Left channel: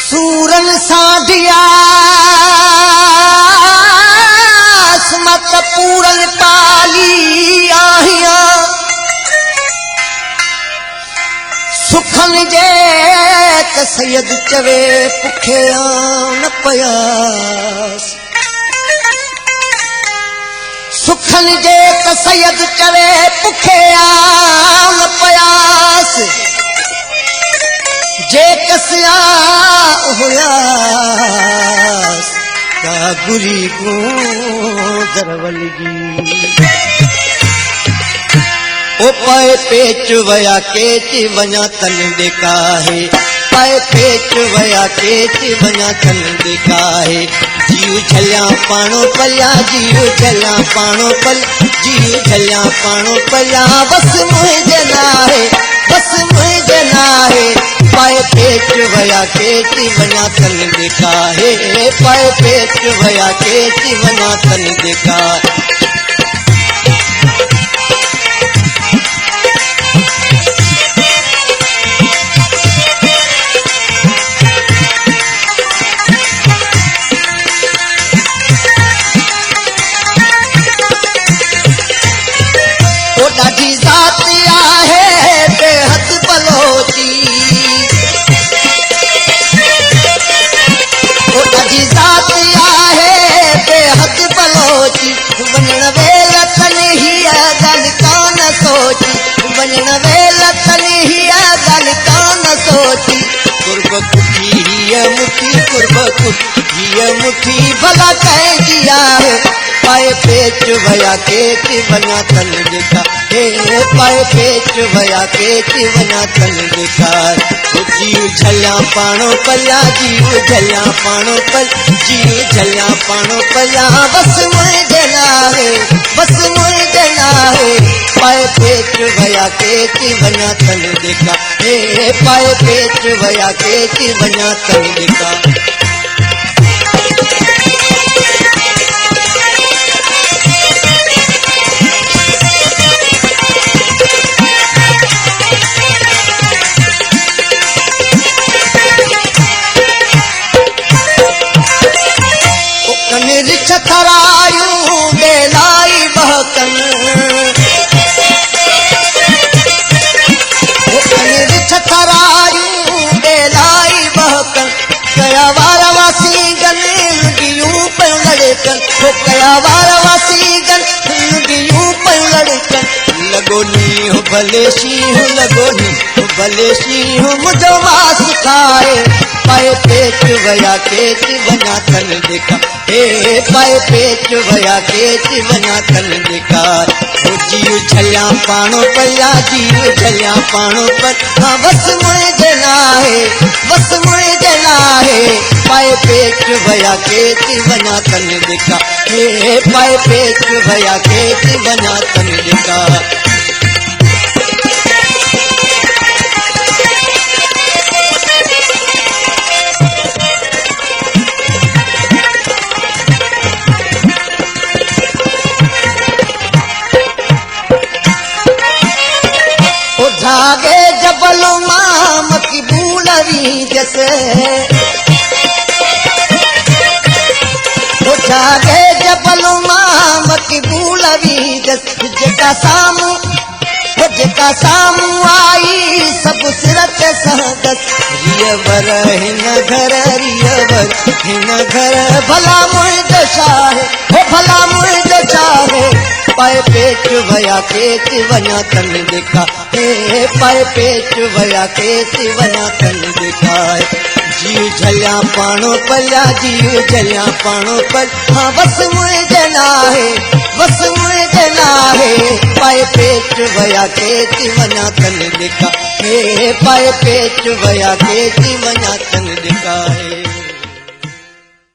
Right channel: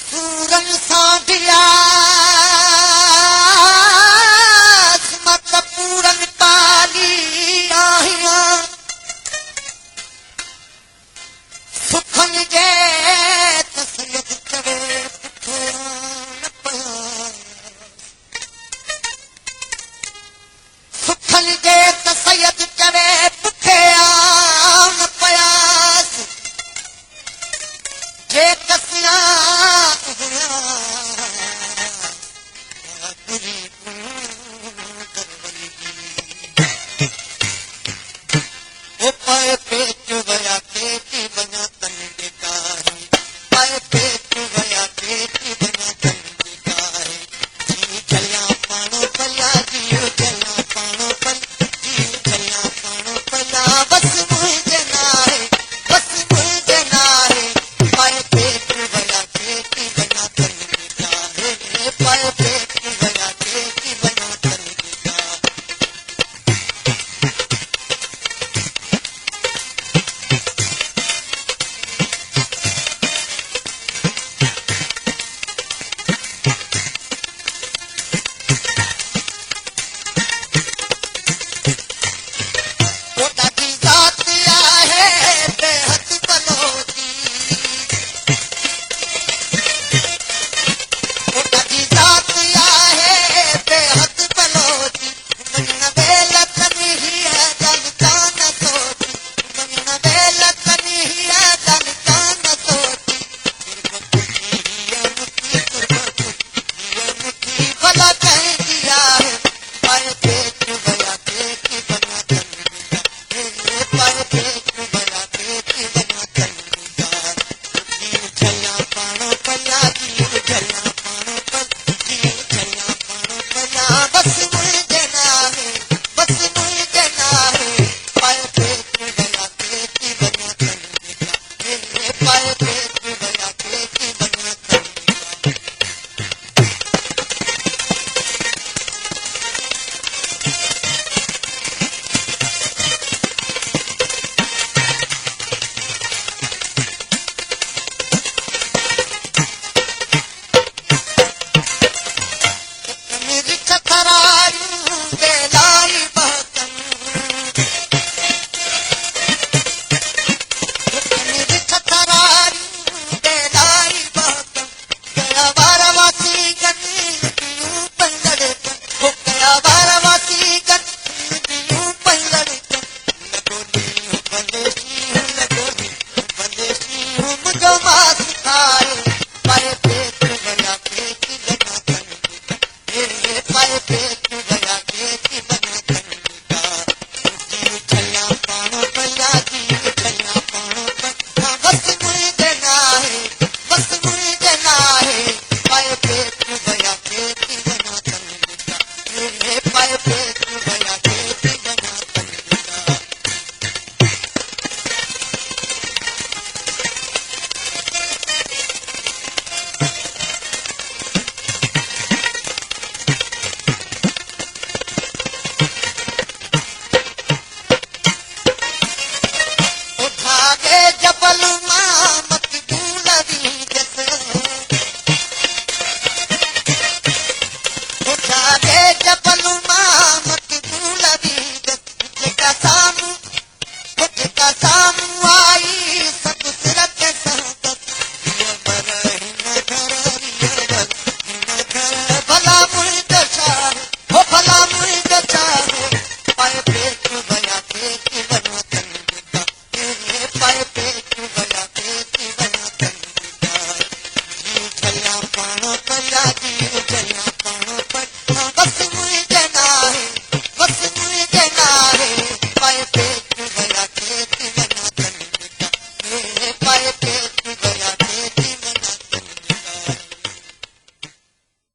सूरन साधिया मत पूरन पाली आहिया सुखन जे त सैयद चवे पुखे न पयास सुखन जे त सैयद चवे पुखे न पयास जे कसया होयास का गुरी को दरवलगी ओ पाए पेच वया केच वञा तन बेकाहे पाए पेच वया केच वञा तन बेकाहे जीव झलिया पाणो पलिया जीव झलिया पाणो पल जीव झलिया पाणो पलिया बस मुझे नाहे बस मुझे नाहे पाए पेच वया केच वञा तन बेकाहे पाए पेच वया केच वञा तन बेकाहे ॾाढी ज़ात आहे बेहद बलोची ओ ॾाढी ज़ात आहे बेहद बलोची वञण वेल तन हीअ ॻाल्हि कान सोची वञण वेल तन हीअ ॻाल्हि कान सोची कुर्ब कुठी हीअ मुठी कुर्ब कुठी हीअ मुठी भला कंहिंजी आहे पाए पेच वया केच वञा तन ॾेखा हे पाए पेच वया केच वञा तन ॾेखार जीव झलिया पाणो पलिया जीव झलिया पाणो पल जीव झलिया पाणो पलिया बस मुझे नाहे बस मुझे नाहे पाए पेच वया केच वञा तन ॾेखा हे पाए पेच वया केच वञा तन ॾेखा थरायूं बेलाई बहकन थरायूं बेलाई बहकन कया वार वासी गन लुगियूं पयूं लड़कन हो कया वार वासी गन लुगियूं पयूं लड़कन लगो नी हो भले शींह लगो नी हो भले शींह मुझो मास खाए पाए पेच वया केच वञा तन ॾेखा हे पाए पेच वया केच वञा तन ॾेखार हो जीव झलिया पाणो पलिया जीव झलिया पाणो पल हाँ बस मुझे नाहे बस मुझे नाहे पाए पेच वया केच वञा तन ॾेखा हे पाए पेच वया केच वञा तन ॾेखार जागे जबल माम की बूलवी जैसे वो जागे जबल माम की बूलवी जैसे जेका सामू वो जेका सामू आई सब सिर के सहगत रियवर हिन घर रियवर हिन घर भला मुझे चाहे हो भला मुझे चाहे पाए पेच वया केच वञा तन ॾेखा हे पाए पेच वया केच वञा तन ॾेखा जीव झलिया पाणो पलिया जीव झलिया पाणो पल हाँ बस मुझे नाहे बस मुझे नाहे पाए पेट वया के ती वञा तन लिका हे पाए पेट वया के ती वञा तन लिका